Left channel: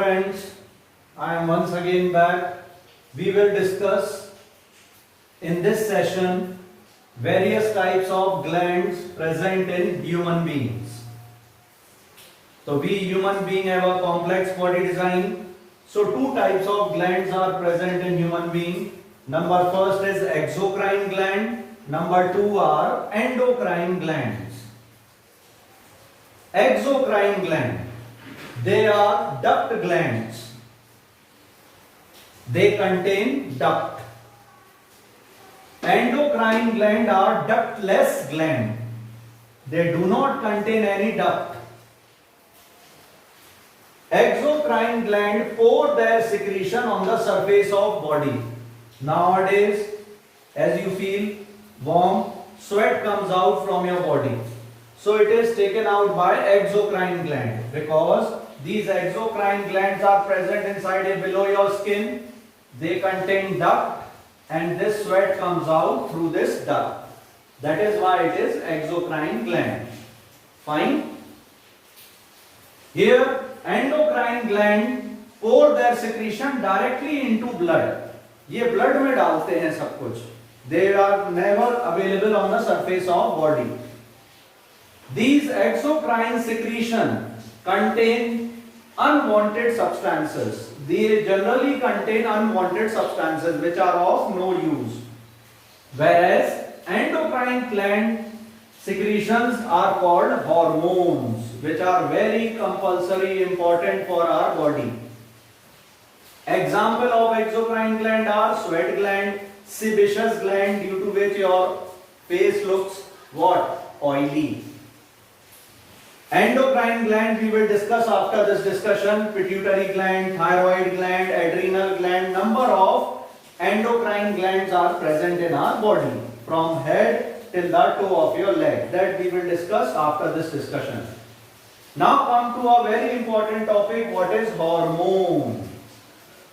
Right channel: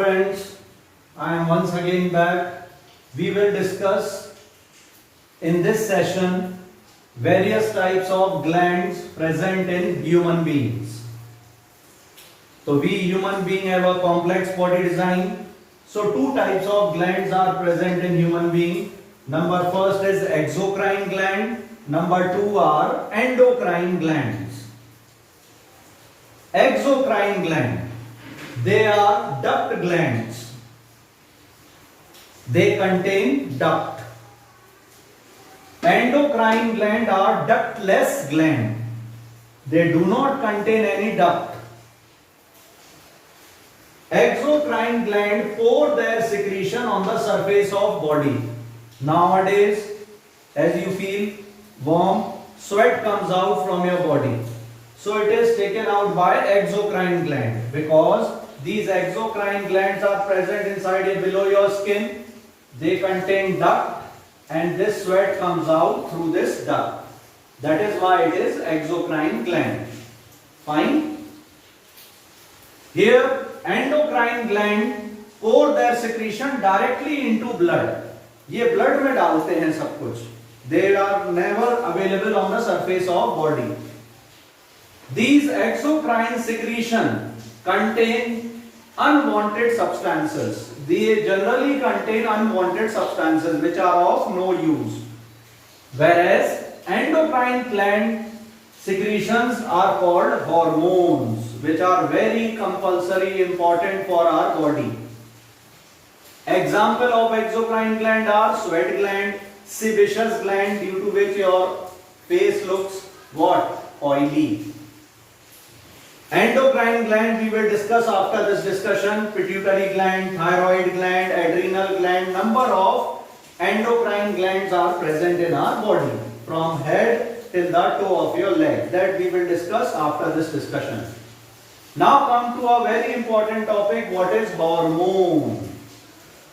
friends, I am once again back. We will discuss in this session various types of glands present in human beings. So we human beings have a complex body design. So two types of glands are present in human being. Number first is exocrine gland. Number two are endocrine glands. Exocrine gland. They are duct glands. They contain duct. Endocrine gland are ductless gland. They do not contain any duct. Exocrine gland pour their secretion on the surface of body. Nowadays, as you feel warm, sweat comes out from your body. So it is taken out by exocrine gland because these exocrine glands are present inside and below your skin. They contain duct and this sweat comes out through this duct. That is why it is exocrine gland. Fine. Here endocrine gland pour their secretion directly into blood. ये blood में डालते हैं सब कुछ. They are never available on the surface of body. These exocrine secretion contain unwanted substances. They generally contain unwanted substances which are of no use. Whereas endocrine gland secretions are called hormones, which are very compulsory important for our body. Example of exocrine gland are sweat gland, sebaceous gland, due to which your face looks what? Oily. Endocrine gland we will discuss after this discussion. Pituitary gland, thyroid gland, adrenal gland. Number of endocrine glands are present in our body from head till the toe of your leg. That we will discuss after this discussion. Now come to a very important topic. What is hormone?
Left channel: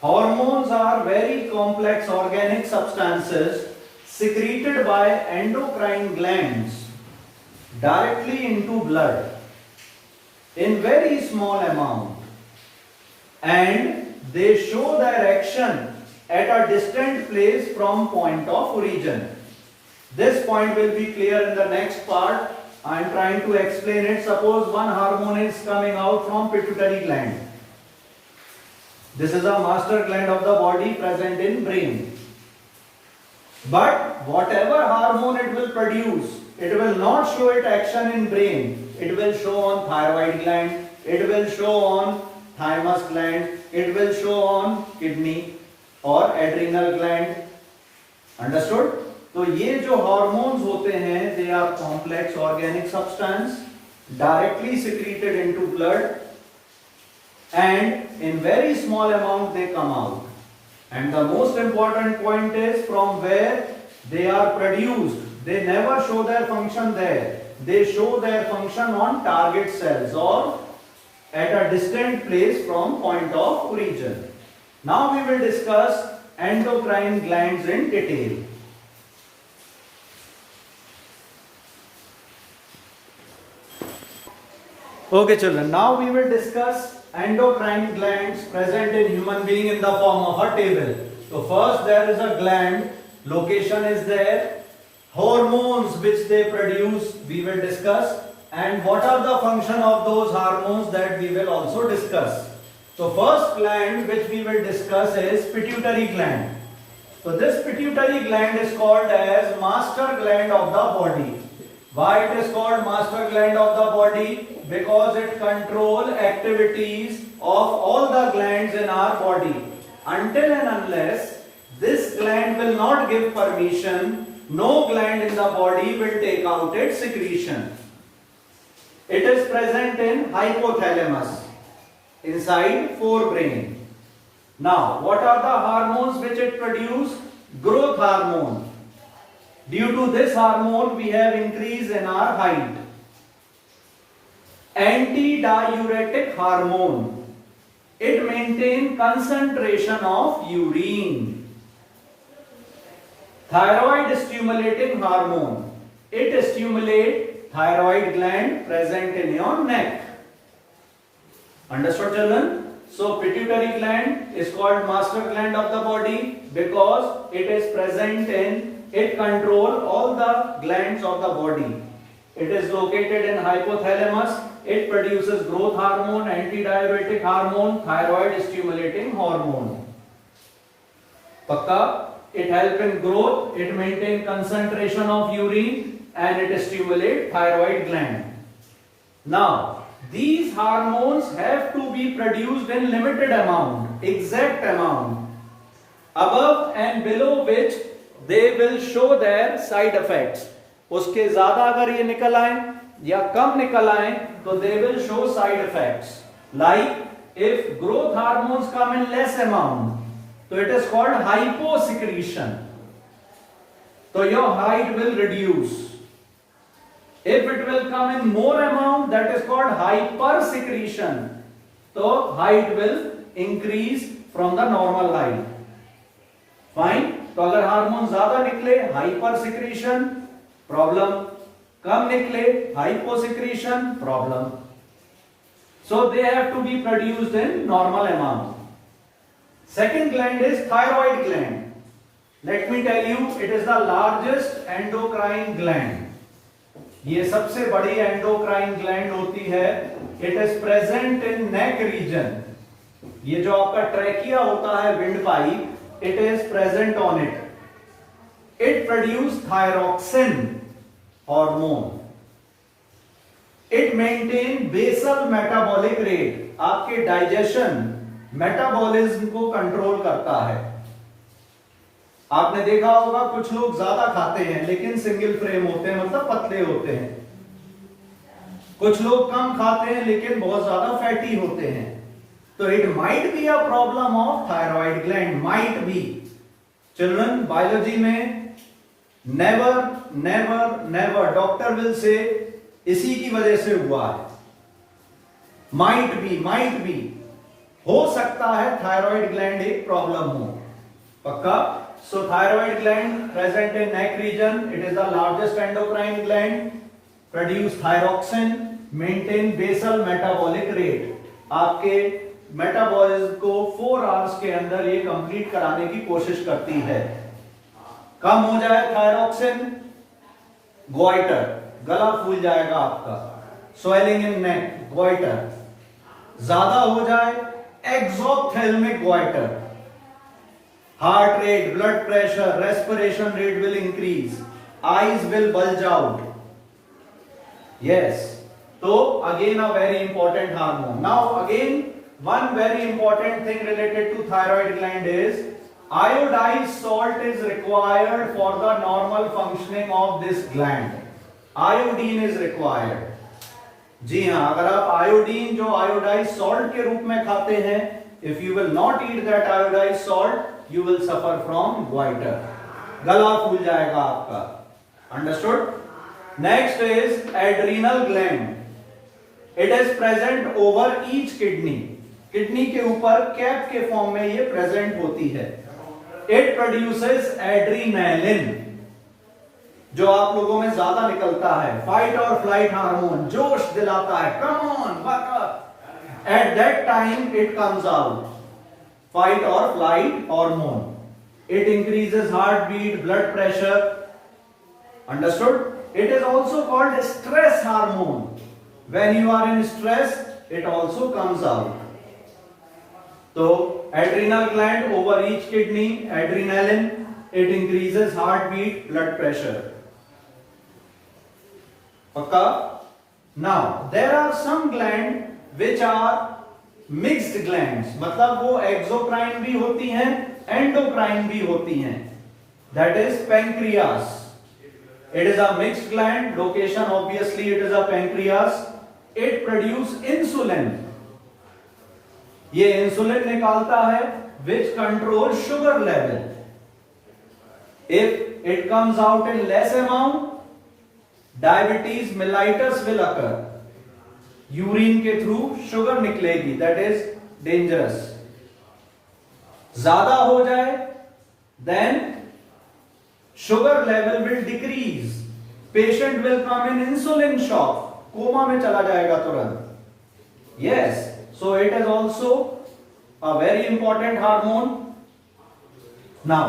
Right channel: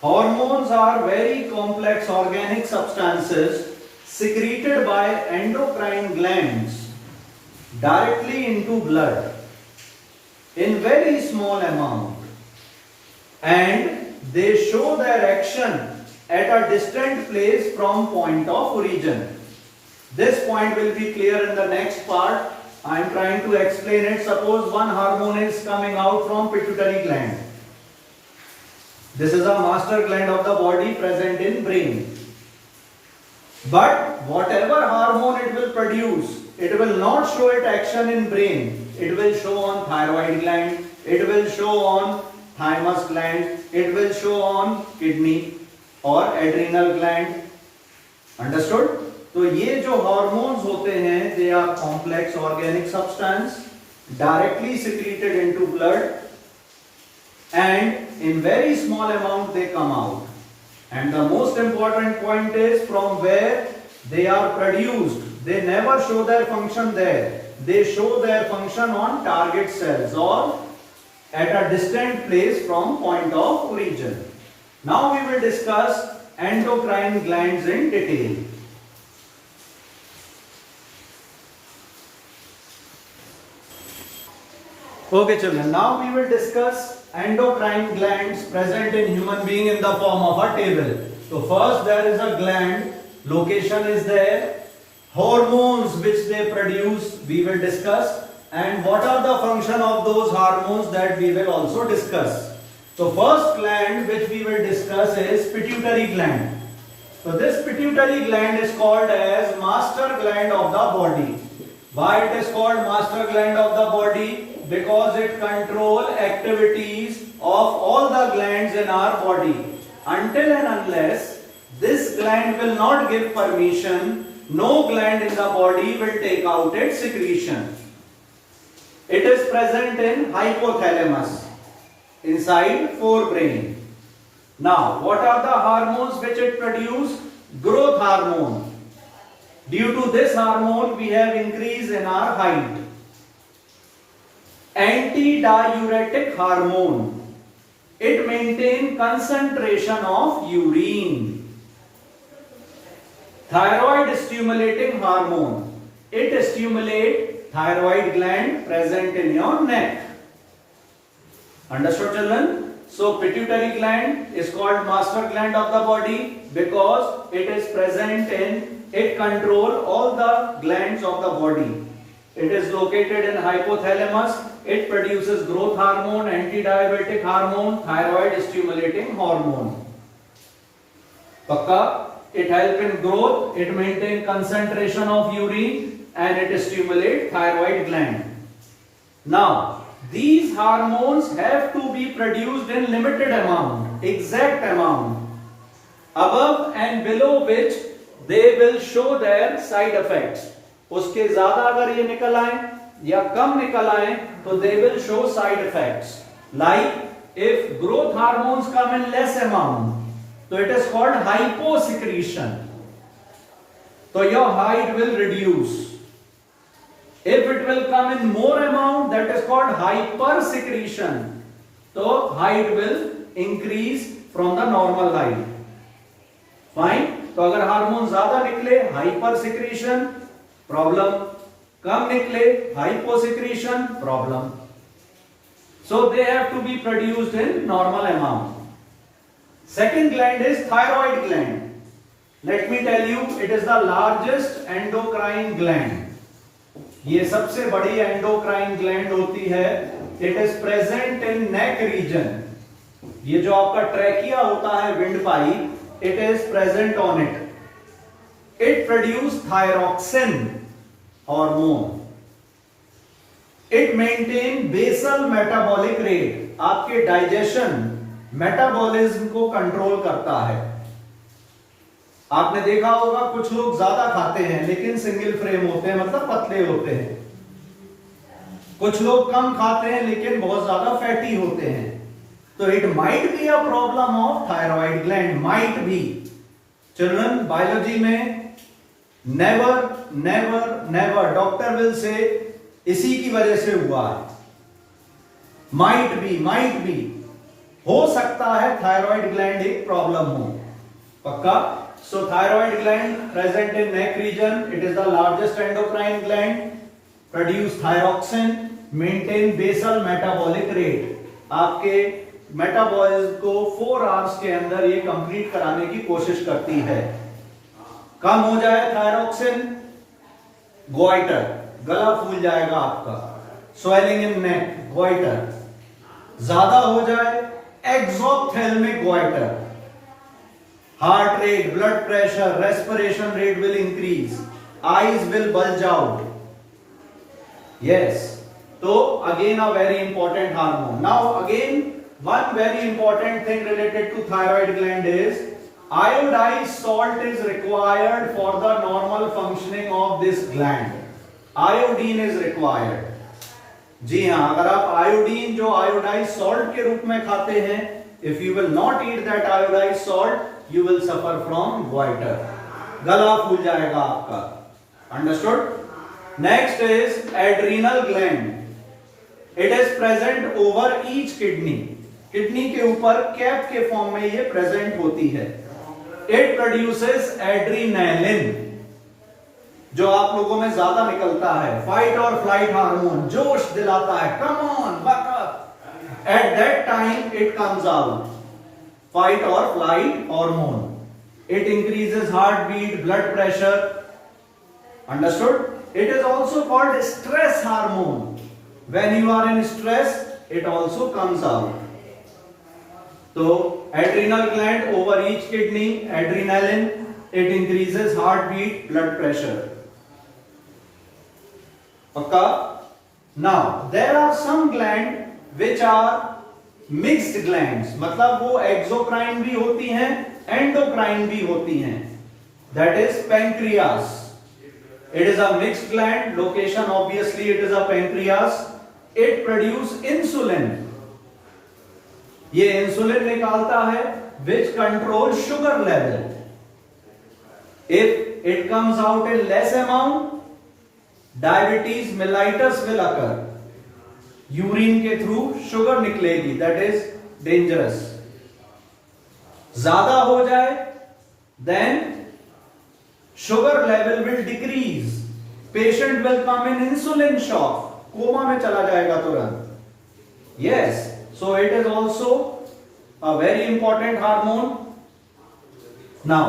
Hormones are very complex organic substances secreted by endocrine glands directly into blood in very small amount, and they show their action at a distant place from point of origin. This point will be clear in the next part. I am trying to explain it. Suppose one hormone is coming out from pituitary gland. This is a master gland of the body present in brain. But whatever hormone it will produce, it will not show its action in brain. It will show on thyroid gland, it will show on thymus gland, it will show on kidney or adrenal gland. Understood? तो ये जो hormones होते हैं, they are complex organic substance directly secreted into blood, and in very small amount they come out. And the most important point is from where they are produced. They never show their function there. They show their function on target cells or at a distant place from point of origin. Now we will discuss endocrine glands in detail. Okay children, now we will discuss endocrine glands present in human being in the form of a table. So first there is a gland, location is there. Hormones which they produce we will discuss, and what are the function of those hormones that we will also discuss. So first gland which we will discuss is pituitary gland. So this pituitary gland is called as master gland of the body. Why it is called master gland of the body? Because it controls activities of all the glands in our body. Until and unless this gland will not give permission, no gland in the body will take out its secretion. It is present in hypothalamus, inside forebrain. Now, what are the hormones which it produces? Growth hormone. Due to this hormone, we have increase in our height. Antidiuretic hormone. It maintains concentration of urine. Thyroid stimulating hormone. It stimulates thyroid gland present in your neck. Understood children? So pituitary gland is called master gland of the body because it is present in, it control all the glands of the body. It is located in hypothalamus. It produces growth hormone, antidiabetic hormone, thyroid stimulating hormone. Pakka? It helps in growth, it maintains concentration of urine, and it stimulates thyroid gland. Now, these hormones have to be produced in limited amount, exact amount, above and below which they will show their side effects. उसके ज्यादा अगर ये निकल आए या कम निकल आए तो they will show side effects. Like if growth hormones come in less amount, so it is called hyposecretion. So your height will reduce. If it will come in more amount, that is called hypersecretion. So height will increase from the normal height. Fine. तो अगर hormone ज्यादा निकले हाइपरसिक्रीशन problem, कम निकले hyposecretion problem. So they have to be produced in normal amount. Second gland is thyroid gland. Let me tell you, it is the largest endocrine gland. ये सबसे बड़ी endocrine gland होती है. It is present in neck region. ये जो आपका trachea होता है, windpipe, it is present on it. It produce thyroxine hormone. It maintain basal metabolic rate. आपके डाइजेशन मेटाबॉलिज्म को कंट्रोल करता है. आपने देखा होगा कुछ लोग ज्यादा खाते हैं लेकिन सिंगल फ्रेम होते हैं, मतलब पतले होते हैं. कुछ लोग कम खाते हैं लेकिन बहुत ज्यादा फैटी होते हैं. तो it might be a problem of thyroid gland. Might be. Children, biology में never never never doctor will say इसी की वजह से हुआ है. माइट बी हो सकता है थायराइड ग्लैंड एक प्रॉब्लम हो. पक्का? So thyroid gland present in neck region. It is the largest endocrine gland. Produce thyroxine, maintain basal metabolic rate. आपके मेटाबॉलिज्म को 4 आवर्स के अंदर ये कंप्लीट कराने की कोशिश करती है. कम हो जाए थायरोक्सिन, गोइटर, गला फूल जाएगा आपका. Swelling in neck, goitre. ज्यादा हो जाए एक्सोप्थेल्मिक goitre. Heart rate, blood pressure, respiration rate will increase. Eyes will bulge out. Yes. So again a very important hormone. Now again one very important thing related to thyroid gland is iodized salt is required for the normal functioning of this gland. Iodine is required. जी हाँ, अगर आप iodine जो iodise salt के रूप में खाते हैं, if you will not eat that iodized salt, you will suffer from goiter. गला फूल जाएगा आपका. Understood? Next is adrenal gland. It is present over each kidney. Kidney के ऊपर कैप के फॉर्म में ये प्रेजेंट होती है. It produces adrenaline, जो आप लोगों में ज्यादा निकलता है. फाइट और फ्लाइट हार्मोन, जोश दिलाता है. Come on, buck up. At that time it comes out. Fight or flight hormone. It increases heartbeat, blood pressure. Understood? It is also called stress hormone. When you are in stress, it also comes out. So adrenal gland over each kidney, adrenaline, it increases heartbeat, blood pressure. Okay? Now there are some glands which are mixed glands, मतलब वो exocrine भी होती हैं, endocrine भी होती हैं. That is pancreas. It is a mixed gland. Location obviously it is a pancreas. It produce insulin. ये insulin निकालता है which control sugar level. If it comes out in less amount, diabetes mellitus will occur. Urine के through sugar निकलेगी. That is dangerous. ज्यादा हो जाए then sugar level will decrease. Patient will come in insulin shock. Coma में चला जाएगा तुरंत. Yes. So it is also a very important hormone. Now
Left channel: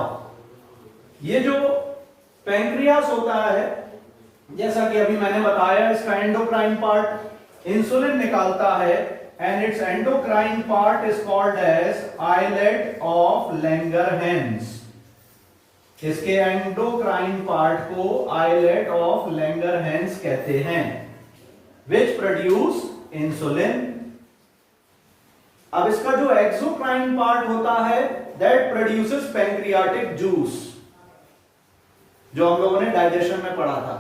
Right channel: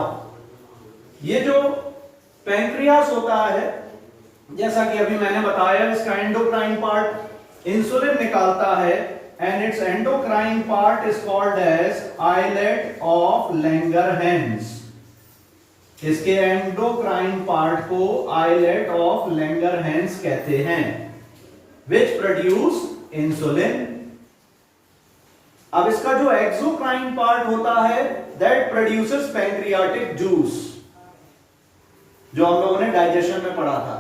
ये जो पैंक्रियास होता है, जैसा कि अभी मैंने बताया, इसका एंडोक्राइन पार्ट इंसुलिन निकालता है and its endocrine part is called as islet of Langerhans. इसके एंडोक्राइन पार्ट को आइलेट ऑफ लैंगरहैंस कहते हैं, which produce insulin. अब इसका जो एक्सोक्राइन पार्ट होता है, that produces pancreatic juice, जो हम लोगों ने डाइजेशन में पढ़ा था.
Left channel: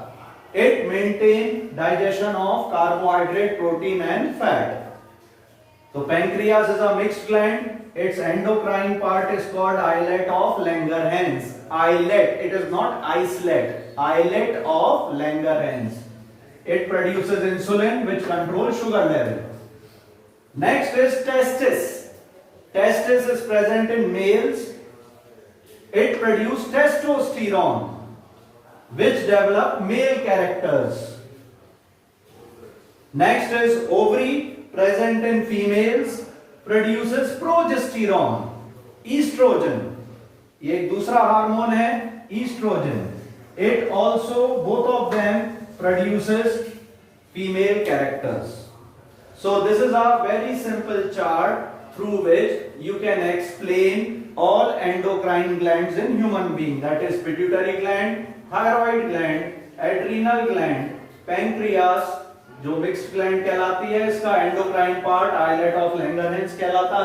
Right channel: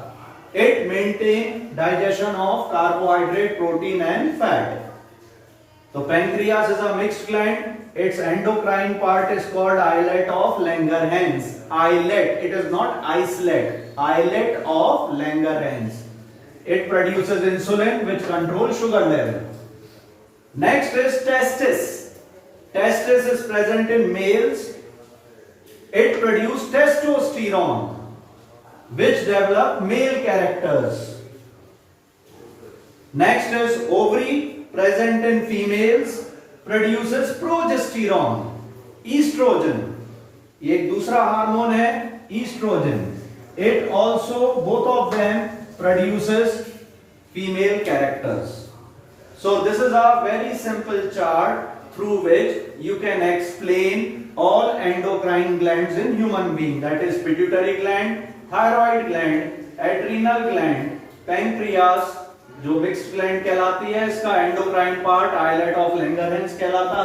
It maintain digestion of carbohydrate, protein and fat. So pancreas is a mixed gland. Its endocrine part is called islet of Langerhans. Islet, it is not islet. Islet of Langerhans. It produces insulin which controls sugar level. Next is testis. Testis is present in males. It produces testosterone which develop male characters. Next is ovary, present in females, produces progesterone, estrogen. ये एक दूसरा hormone है, estrogen. It also, both of them produces female characters. So this is a very simple chart through which you can explain all endocrine glands in human being, that is pituitary gland, thyroid gland, adrenal gland, pancreas, जो mixed gland कहलाती है, इसका endocrine part islet of Langerhans कहलाता है.